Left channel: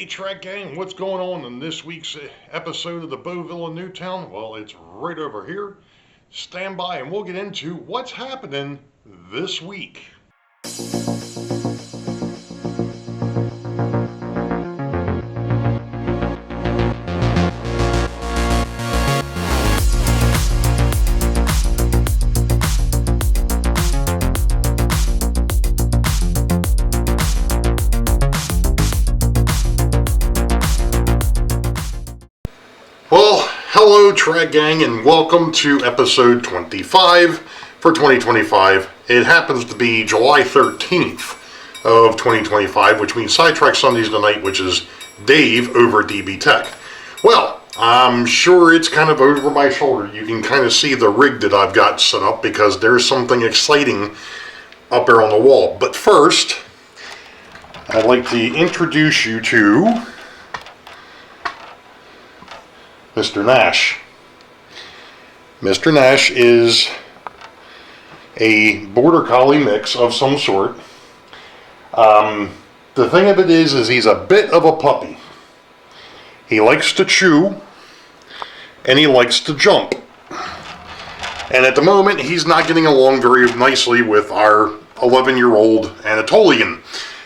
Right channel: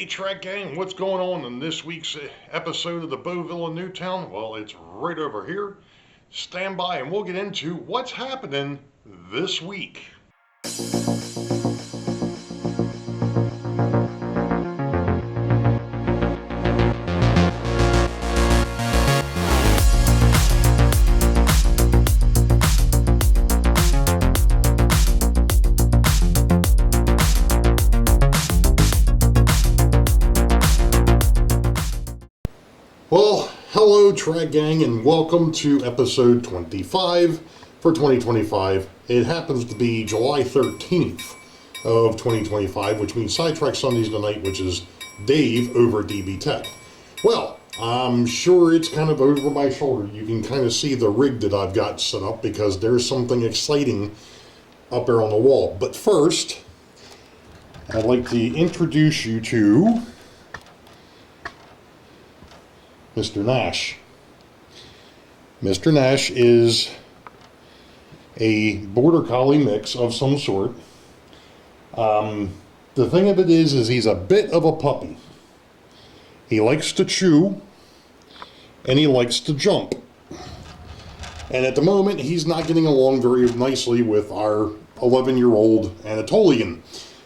Hey Trek Gang, what's going on in this week's episode of the Boeville in Newtown? Well, it's right over here. Stand by and we'll get into what's happening this week. Well, hello Trek Gang and welcome to episode 25 for 2025. It happens to be July 13th of 2025, which means Sidetrack Sundays tonight, which is Dave over at DB Tech. Well, I'm sure it's kind of over my shoulder. You can kind of see the rig that I've got set up because there's something exciting up there on the wall. But first, I'd like to introduce you to Mr. Nash. Mr. Nash is a border collie mix of some sort. The thing of it is he's a bit of a puppy. He likes to chew and he likes to jump. And at the moment he's not getting along very nicely with our 11-year-old Anatolian.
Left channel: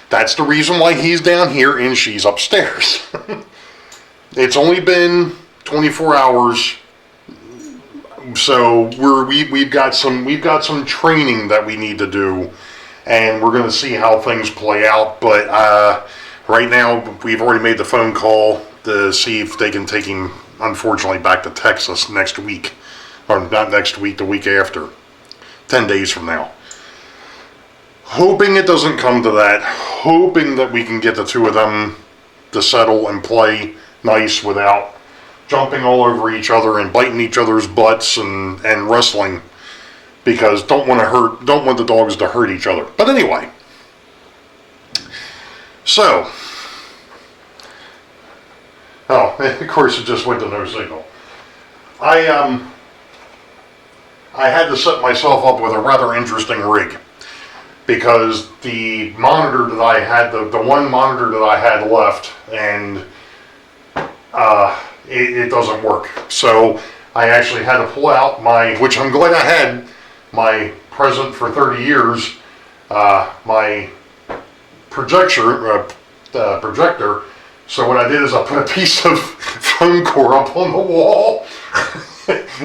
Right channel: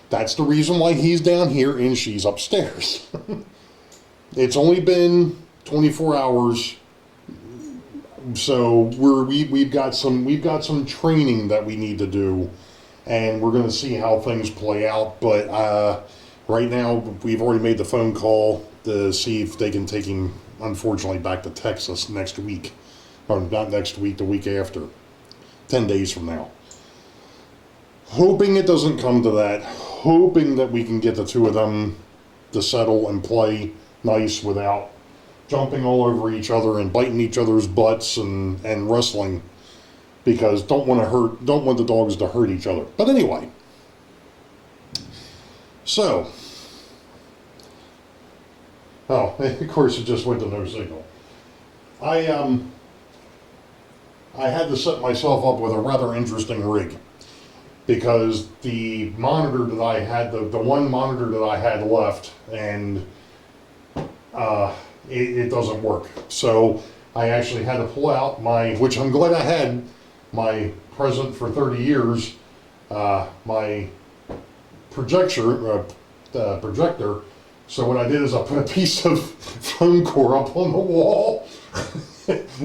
That's the reason why he's down here and she's upstairs. It's only been 24 hours, so we've got some training that we need to do, and we're going to see how things play out. But right now we've already made the phone call to see if they can take him, unfortunately, back to Texas next week, or not next week, the week after, 10 days from now. Hoping it doesn't come to that, hoping that we can get the two of them to settle and play nice without jumping all over each other and biting each other's butts and wrestling, because don't want the dogs to hurt each other. But anyway, so of course it just went to no signal. I had to set myself up with a rather interesting rig, because the monitor that I had, the one monitor that I had left, and it doesn't work. So I actually had to pull out which I'm glad I had, my present for 30 years, my projector. So what I did is I put a piece of foam core up on the wall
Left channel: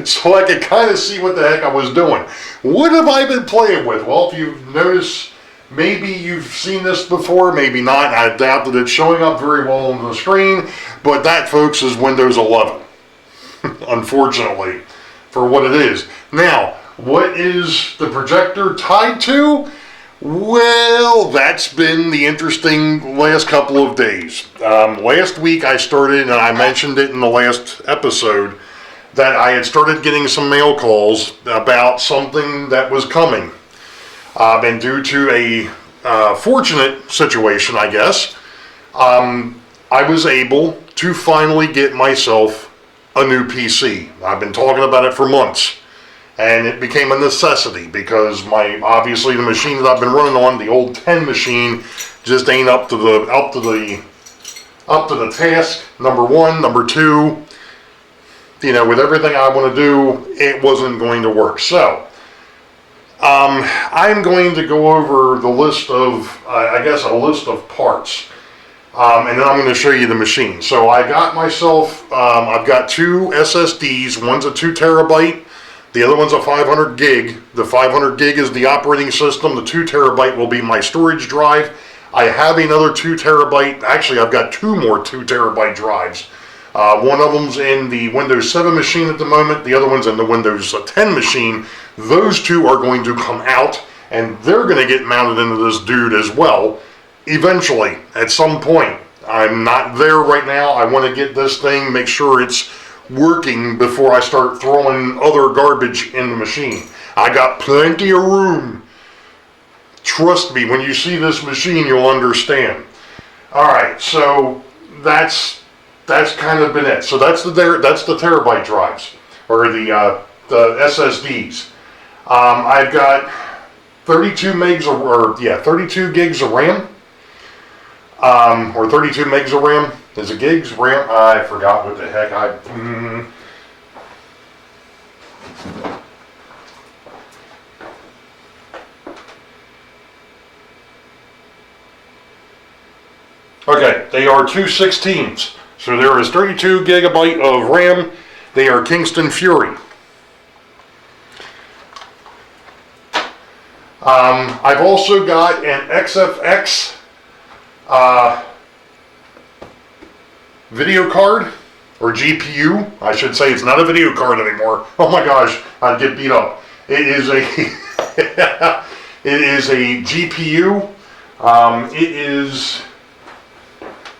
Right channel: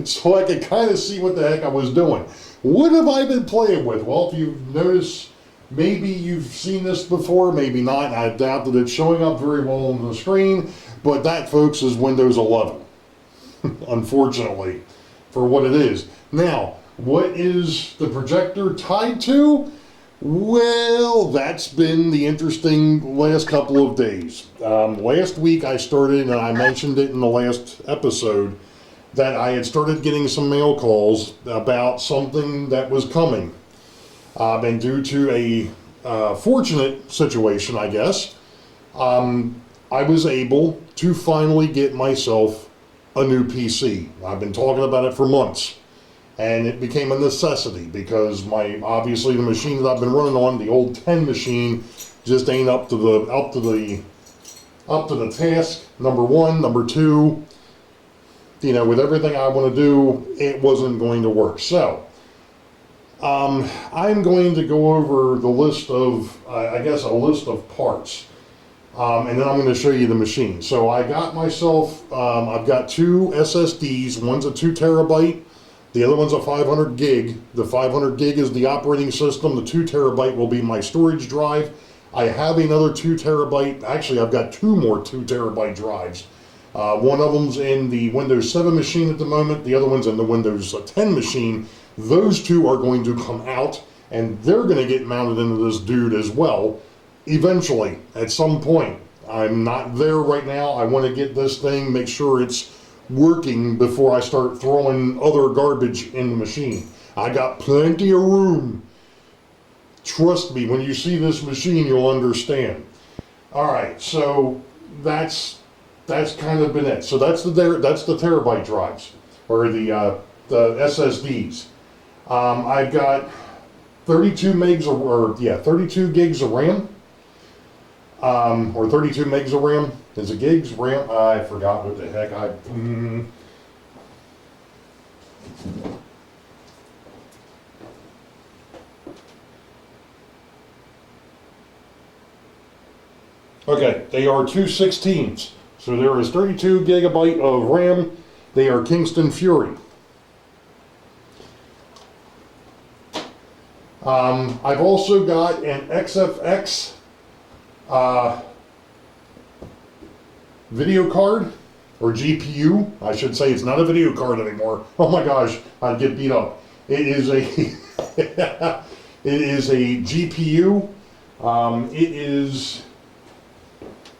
so I could kind of see what the heck I was doing. What have I been playing with? Well, if you've noticed, maybe you've seen this before, maybe not. I doubt that it's showing up very well on the screen, but that, folks, is Windows 11, unfortunately, for what it is. Now, what is the projector tied to? Well, that's been the interesting last couple of days. Last week I started, and I mentioned it in the last episode, that I had started getting some mail calls about something that was coming. And due to a fortunate situation, I guess, I was able to finally get myself a new PC. I've been talking about it for months, and it became a necessity because obviously the machine that I've been running on, the old 10 machine, just ain't up to the task. Number one, number two, with everything I want to do, it wasn't going to work. So I'm going to go over the list of, a list of parts, and then I'm going to show you the machine. So I got myself, I've got two SSDs. One's a 2 terabyte, the other one's a 500 gig. The 500 gig is the operating system. The 2 terabyte will be my storage drive. I have another 2 terabyte. Actually, I've got two more 2 terabyte drives. One of them's in the Windows 7 machine at the moment. The other one's in the Windows 10 machine. Those two are going to come out, and they're going to get mounted into this dude as well, eventually, at some point. I'm not there right now. I want to get this thing, make sure it's working before I start throwing other garbage in the machine. I got plenty of room. Trust me, when you see this machine, you'll understand. Alright, so that's kind of been it. So that's the terabyte drives, or the SSDs. I've got 32 gigs of RAM. or 32 megs of RAM. Is it gigs? RAM? I forgot what the heck Okay, they are 216s. So there is 32 gigabyte of RAM. They are Kingston Fury. I've also got an XFX video card, or GPU. I should say it's not a video card anymore. Oh my gosh, I'd get beat up. It is a it is a GPU. It is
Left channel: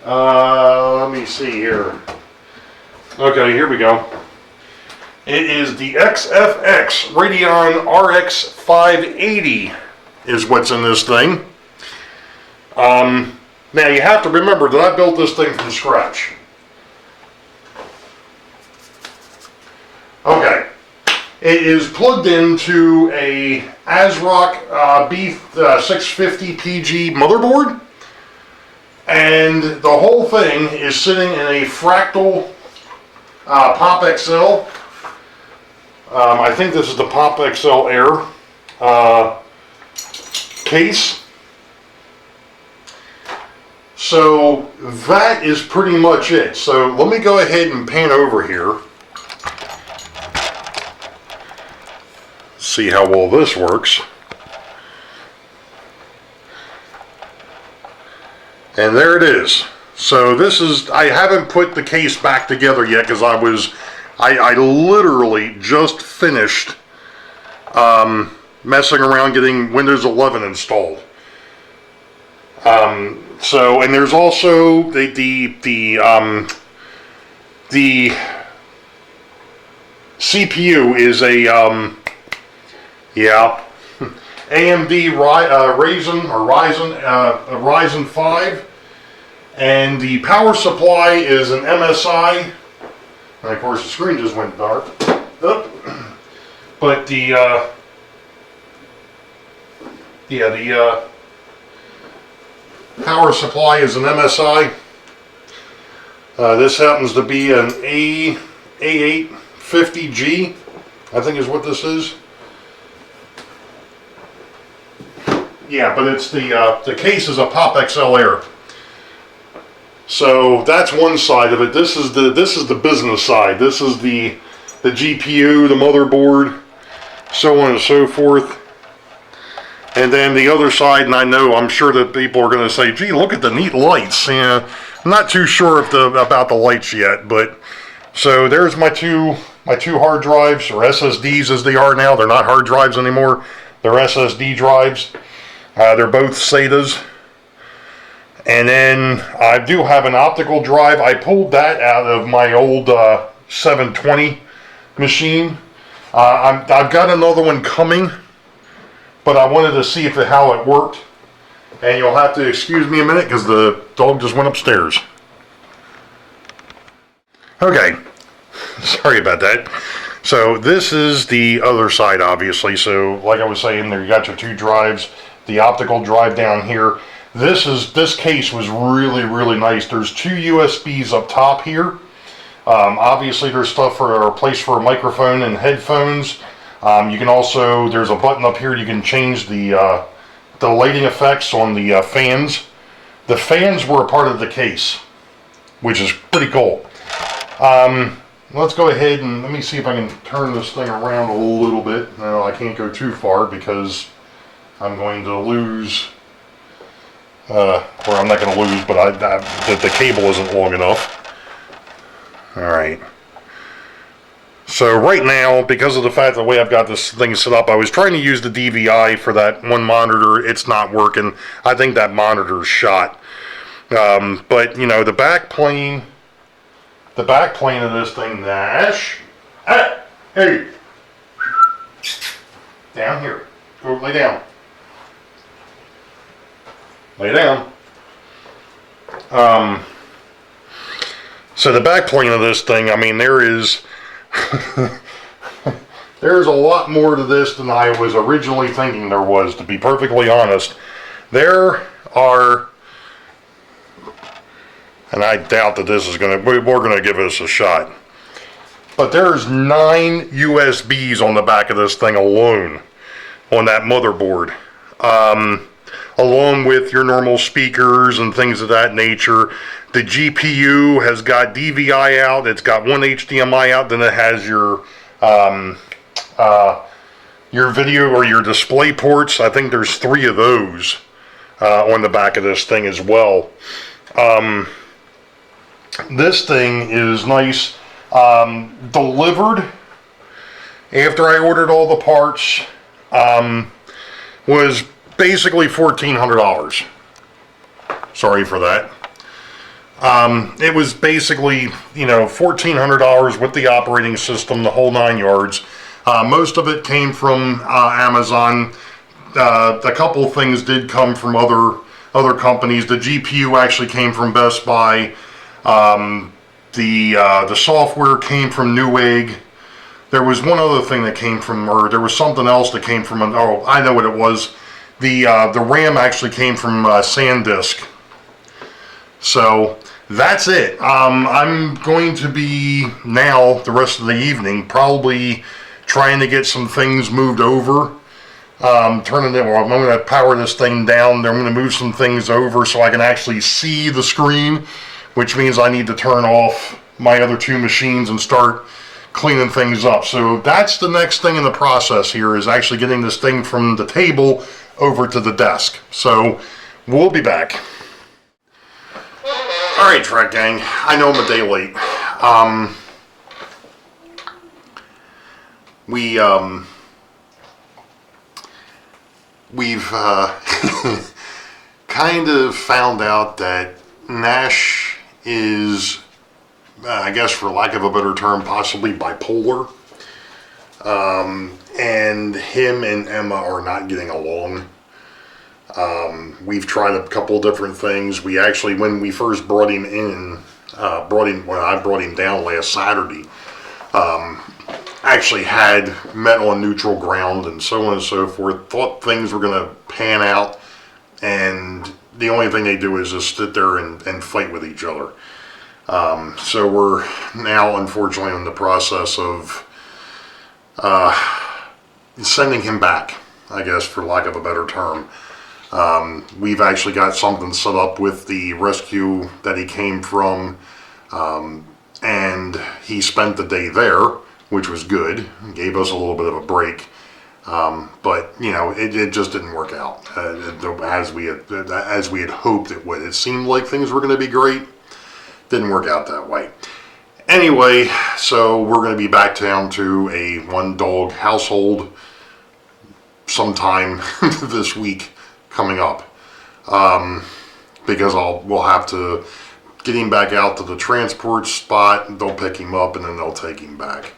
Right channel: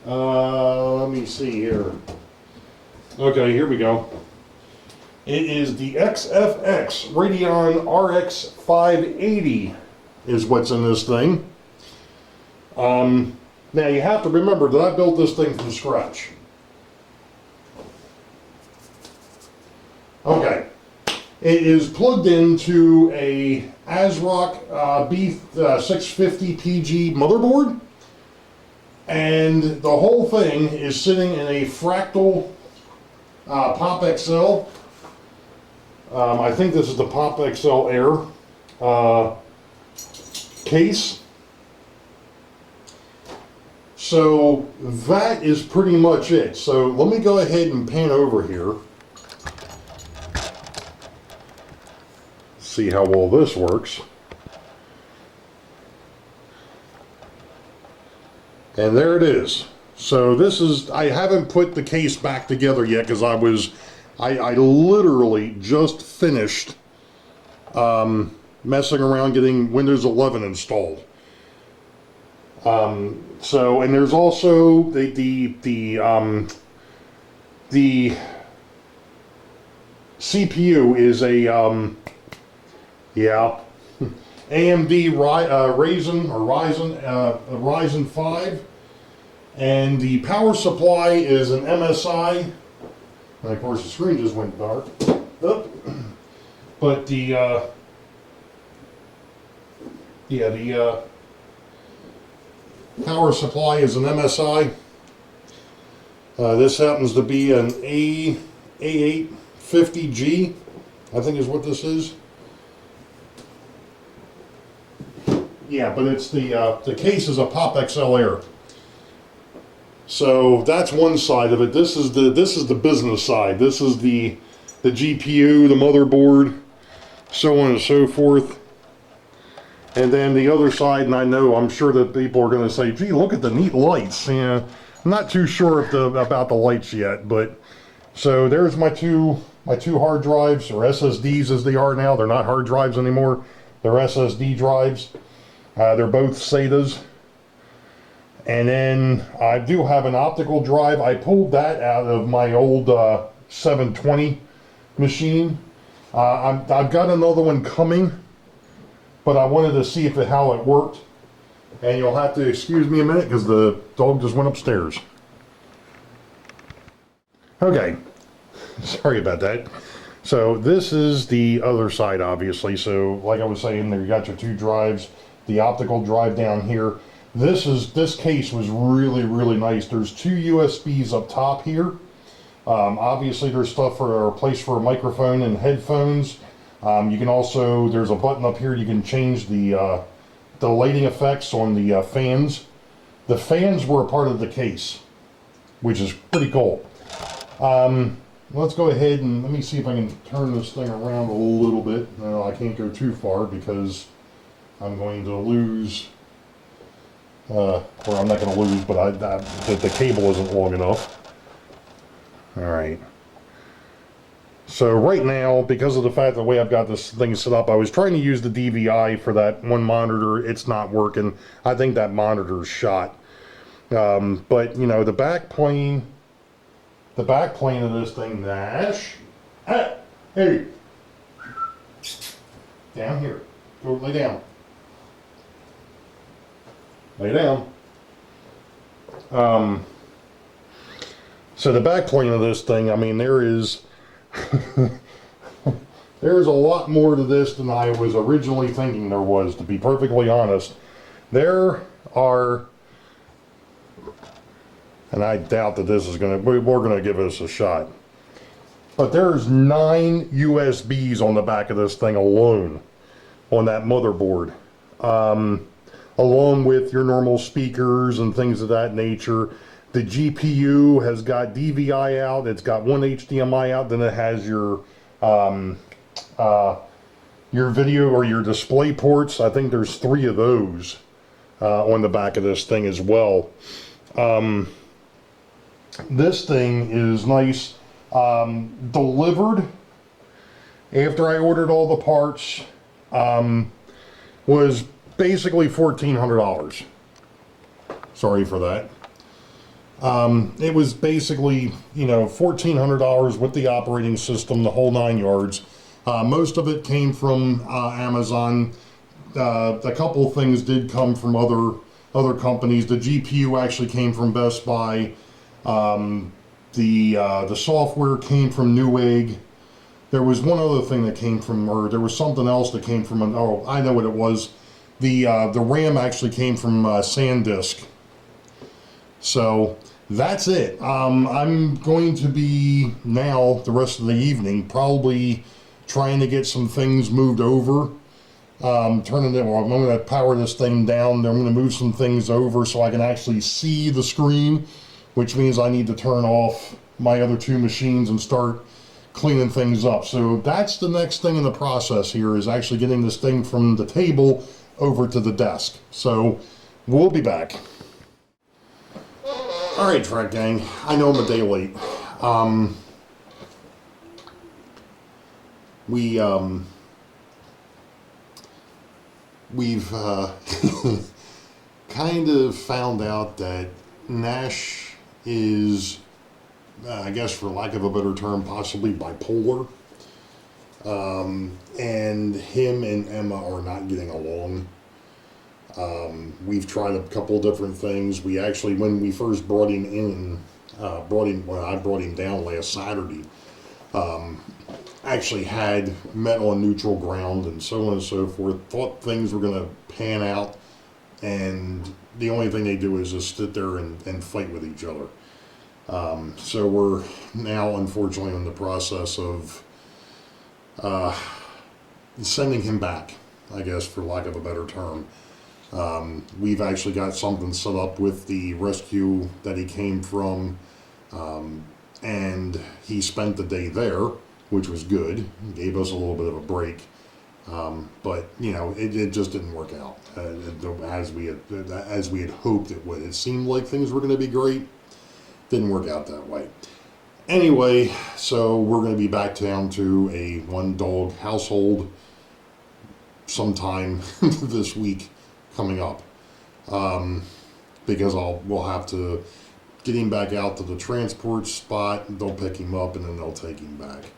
let me see here. Okay, here we go. It is the XFX Radeon RX 580 is what's in this thing. Now you have to remember that I built this thing from scratch. Okay, it is plugged into a ASRock B650PG motherboard, and the whole thing is sitting in a Fractal Pop XL. I think this is the Pop XL Air case. So that is pretty much it. So let me go ahead and pan over here. See how well this works. And there it is. So this is, I haven't put the case back together yet because I literally just finished messing around getting Windows 11 installed. So, and there's also the CPU is a AMD Ryzen 5, and the power supply is an MSI. And of course the screen just went dark. But the power supply is an MSI. This happens to be an A850G, I think is what this is. Yeah, but it's the case is a Pop XL Air. So that's one side of it. This is the business side. This is the GPU, the motherboard, so on and so forth. And then the other side, and I'm sure that people are going to say, gee, look at the neat lights. Yeah, I'm not too sure about the lights yet, but so there's my two hard drives, or SSDs as they are now. They're not hard drives anymore. They're SSD drives. They're both SATAs. And then I do have an optical drive. I pulled that out of my old 720 machine. I've got another one coming, but I wanted to see how it worked. And you'll have to excuse me a minute because the dog just went upstairs. Okay, sorry about that. So this is the other side, obviously. So like I was saying, there you got your two drives, the optical drive down here. This case was really, really nice. There's two USBs up top here. Obviously there's stuff for a place for a microphone and headphones. You can also, there's a button up here, you can change the lighting effects on the fans. The fans were a part of the case, which is pretty cool. Let's go ahead and let me see if I can turn this thing around a little bit. No, I can't go too far because I'm going to lose, or I'm not going to lose, but the cable isn't long enough. Alright. So right now, because of the fact the way I've got this thing set up, I was trying to use the DVI for that one monitor. It's not working. I think that monitor's shot. But, you know, the back plane of this thing, Nash. Hey! Down here. Go lay down. Lay down. So the back plane of this thing, I mean, there is there's a lot more to this than I was originally thinking there was, to be perfectly honest. There are And I doubt that this is we're gonna give this a shot. But there's 9 USBs on the back of this thing alone, on that motherboard. Along with your normal speakers and things of that nature. The GPU has got DVI out, it's got one HDMI out, then it has your video or your display ports. I think there's 3 of those on the back of this thing as well. This thing is nice. Delivered after I ordered all the parts was basically $1,400. Sorry for that. It was basically, $1,400 with the operating system, the whole 9 yards. Most of it came from Amazon. A couple of things did come from other companies. The GPU actually came from Best Buy. The software came from Newegg. There was one other thing that came from, or there was something else that came from, oh, I know what it was. The RAM actually came from SanDisk. So that's it. I'm going to be now, the rest of the evening, probably trying to get some things moved over. I'm going to power this thing down. I'm going to move some things over so I can actually see the screen, which means I need to turn off my other 2 machines and start cleaning things up. So that's the next thing in the process here, is actually getting this thing from the table over to the desk. So we'll be back. All right, Trek Gang, I know I'm a day late. We've kind of found out that Nash is, I guess for lack of a better term, possibly bipolar. And him and Emma are not getting along. We've tried a couple different things. We actually, when we first brought him in, I brought him down last Saturday, actually had met on neutral ground and so on and so forth. Thought things were going to pan out, and the only thing they do is just sit there and fight with each other. So we're now, unfortunately, in the process of sending him back, I guess, for lack of a better term. We've actually got something set up with the rescue that he came from, and he spent the day there, which was good. Gave us a little bit of a break. But it just didn't work out as we had hoped it would. It seemed like things were going to be great. Didn't work out that way. Anyway, so we're going to be back down to a 1-dog household sometime this week coming up, because we'll have to get him back out to the transport spot. They'll pick him up and then they'll take him back.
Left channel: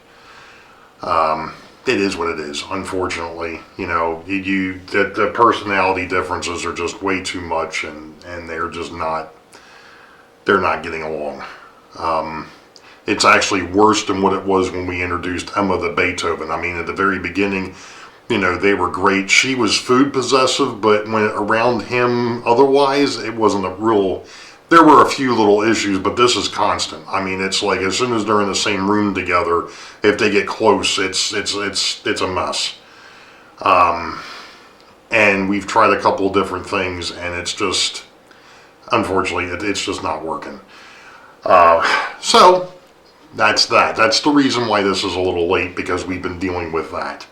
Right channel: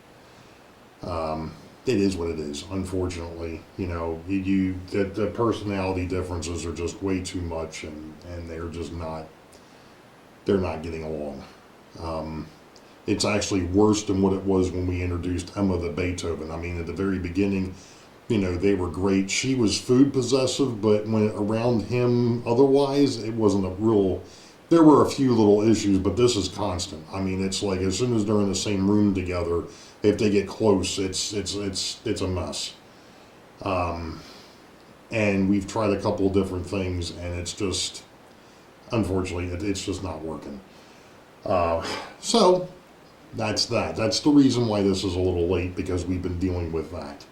It is what it is, unfortunately. The personality differences are just way too much, and they're just not getting along. It's actually worse than what it was when we introduced Emma the Beethoven. I mean, at the very beginning, they were great. She was food possessive, but when around him, otherwise, it wasn't a real. There were a few little issues, but this is constant. I mean, it's like as soon as they're in the same room together, if they get close, it's a mess. And we've tried a couple of different things, and it's just, unfortunately, it's just not working. So that's that. That's the reason why this is a little late, because we've been dealing with that.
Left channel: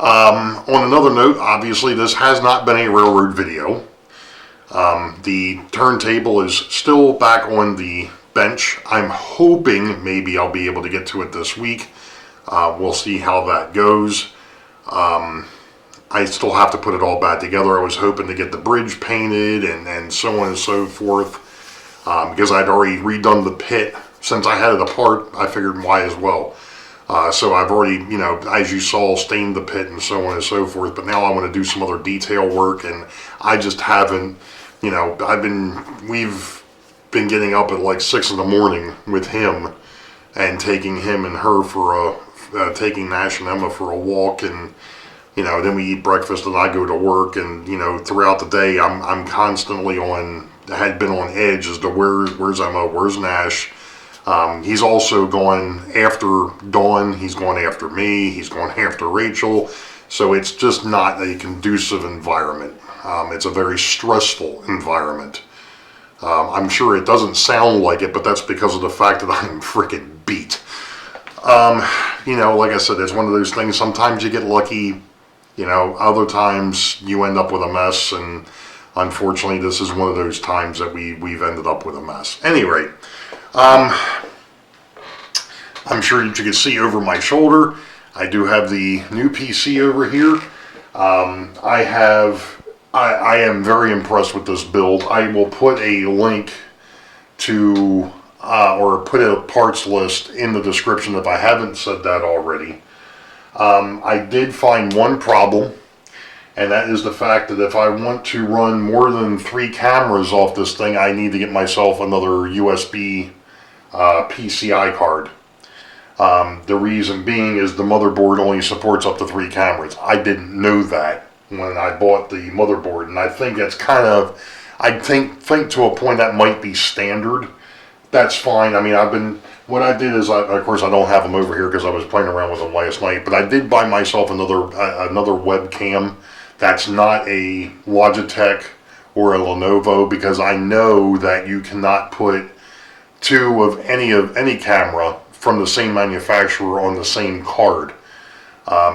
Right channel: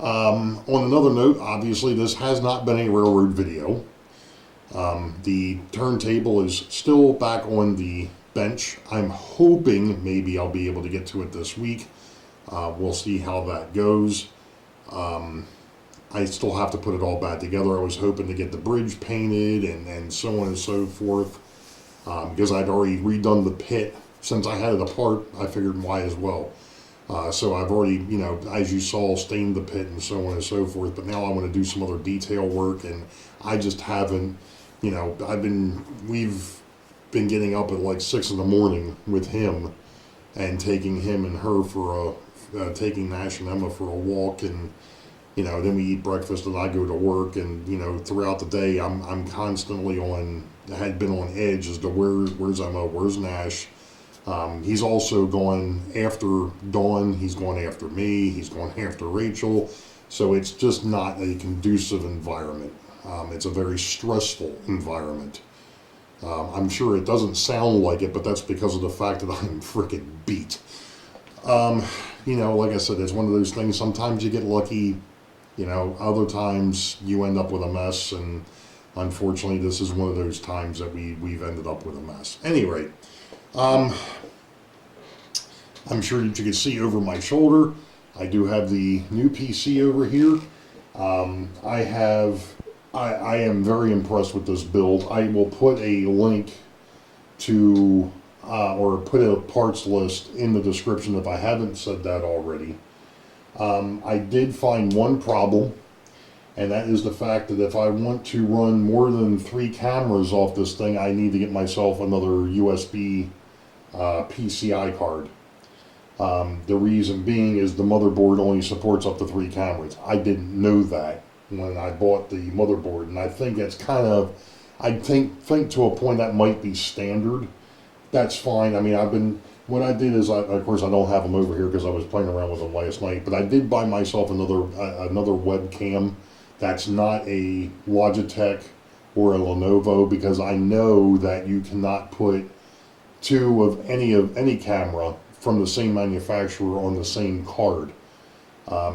On another note, obviously, this has not been a railroad video. The turntable is still back on the bench. I'm hoping maybe I'll be able to get to it this week. We'll see how that goes. I still have to put it all back together. I was hoping to get the bridge painted and so on and so forth, because I'd already redone the pit. Since I had it apart, I figured why as well. So I've already, as you saw, stained the pit and so on and so forth. But now I want to do some other detail work, and I just haven't, we've been getting up at like 6 in the morning with him and taking him and her taking Nash and Emma for a walk, and, then we eat breakfast and I go to work, and, throughout the day I'm constantly on had been on edge as to where's Emma, where's Nash. He's also going after Dawn, he's going after me, he's going after Rachel. So it's just not a conducive environment. It's a very stressful environment. I'm sure it doesn't sound like it, but that's because of the fact that I'm freaking beat. You know, like I said, it's one of those things, sometimes you get lucky, you know, other times you end up with a mess, and unfortunately this is one of those times that we've ended up with a mess. At any rate, I'm sure you can see over my shoulder, I do have the new PC over here. I am very impressed with this build. I will put a link to, or put a parts list in the description if I haven't said that already. I did find one problem, and that is the fact that if I want to run more than 3 cameras off this thing, I need to get myself another USB PCI card. The reason being is the motherboard only supports up to 3 cameras. I didn't know that when I bought the motherboard, and I think that's kind of, I think to a point that might be standard. That's fine. I mean, what I did is, of course I don't have them over here because I was playing around with them last night, but I did buy myself another webcam that's not a Logitech or a Lenovo, because I know that you cannot put 2 of any camera from the same manufacturer on the same card,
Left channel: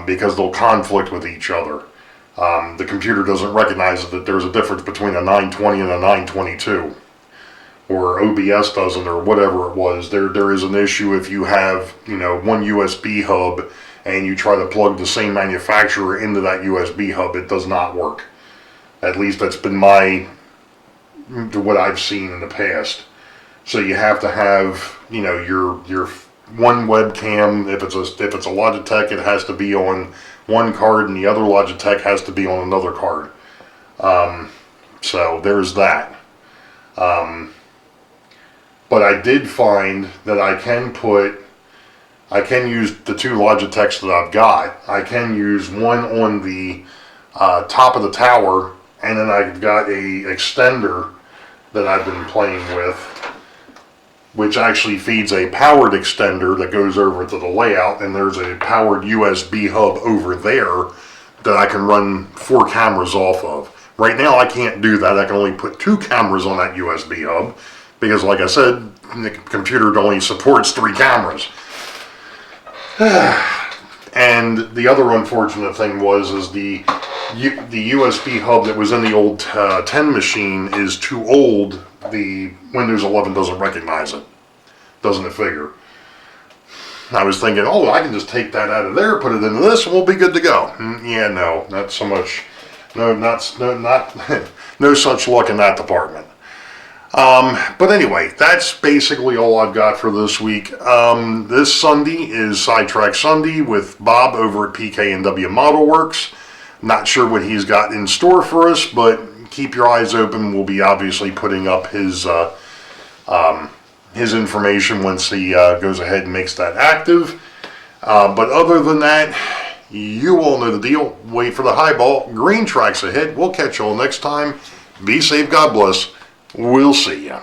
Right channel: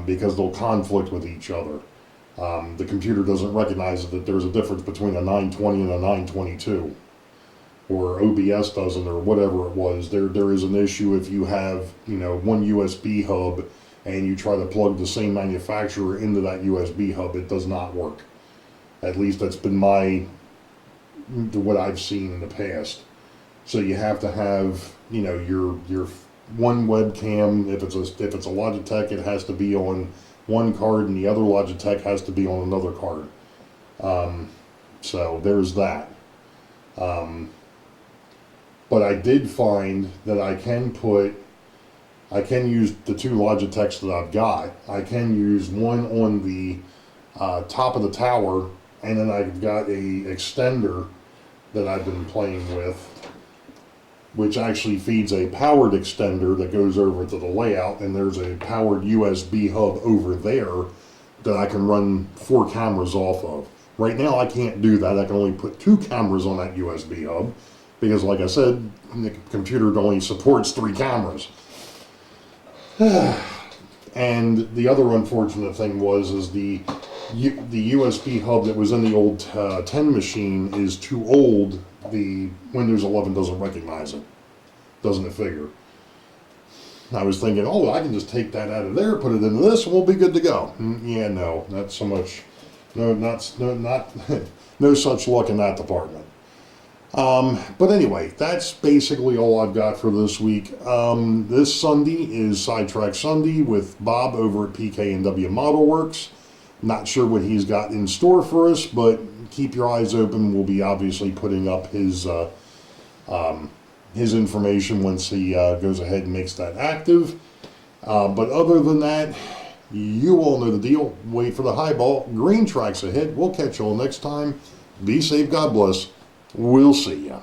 because they'll conflict with each other. The computer doesn't recognize that there's a difference between a 920 and a 922, or OBS doesn't, or whatever it was. There is an issue if you have, you know, one USB hub and you try to plug the same manufacturer into that USB hub. It does not work. At least that's been what I've seen in the past. So you have to have, you know, your one webcam. If it's a Logitech, it has to be on one card, and the other Logitech has to be on another card. So there's that. But I did find that I can use the 2 Logitechs that I've got. I can use one on the top of the tower, and then I've got a extender that I've been playing with, which actually feeds a powered extender that goes over to the layout, and there's a powered USB hub over there that I can run 4 cameras off of. Right now I can't do that. I can only put 2 cameras on that USB hub, because like I said, the computer only supports 3 cameras. And the other unfortunate thing is the USB hub that was in the old 10 machine is too old. The Windows 11 doesn't recognize it. Doesn't it figure? I was thinking, oh, I can just take that out of there, put it into this, and we'll be good to go. Yeah, no, not so much. No, no such luck in that department. But anyway, that's basically all I've got for this week. This Sunday is Sidetrack Sunday with Bob over at PK&W Model Works. Not sure what he's got in store for us, but keep your eyes open. We'll be obviously putting up his information once he goes ahead and makes that active. But other than that, you all know the deal. Wait for the highball. Green tracks ahead. We'll catch you all next time. Be safe. God bless. We'll see ya.